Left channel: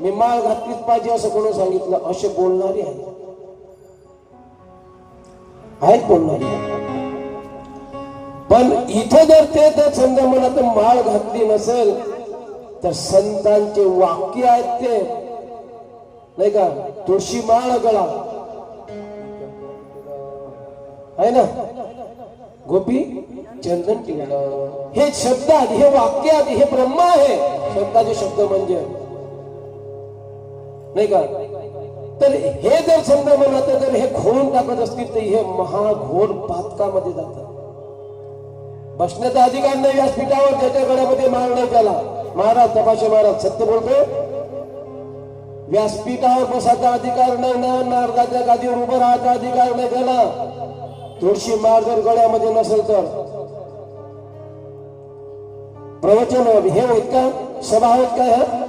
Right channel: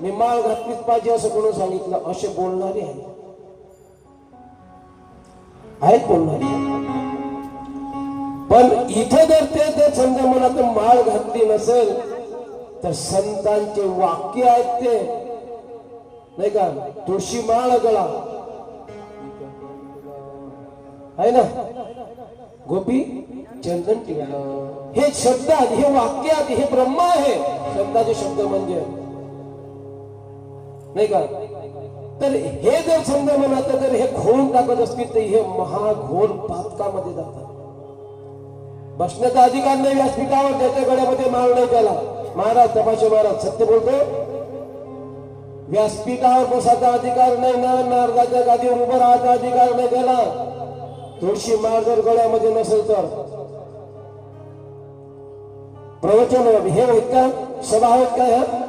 मी माळ घातलीच पाहिजे असं कोणी सांगितलं? असे बोलणारे आहेत बोलणारे. पण इथं जर ते जर समजा मला तर माळ घातली नसेल तर संतांचे वाक्य आहेत ते नाही का, तुळशी माळ गळा आहे ना, गोपी चंदन टिळा, हे शब्द आहेत, हे वाक्य आहेत, हे ब्रह्म आहे शब्दाचे शब्द म्हणजे नाही का. तर हे जर समजा मला तर जर हे खोल टाकत असतील तर हे महाघोर पातकामध्ये जातात. बसण्याचा अधिकार नाही व्यासपीठावर, त्याच्या गळ्यामध्ये माळ नाही केला. महाराज तपाशे महाराज सत्य बोलतो, व्यासपीठावर बसायचा अधिकार नाही ना, नारदाच्या गादीवर उभं राहायचा अधिकार नाही त्याला. तुळशी माळ जर गळ्यामध्ये नसेल तर प्रवचन हे होत का, सभा होत का?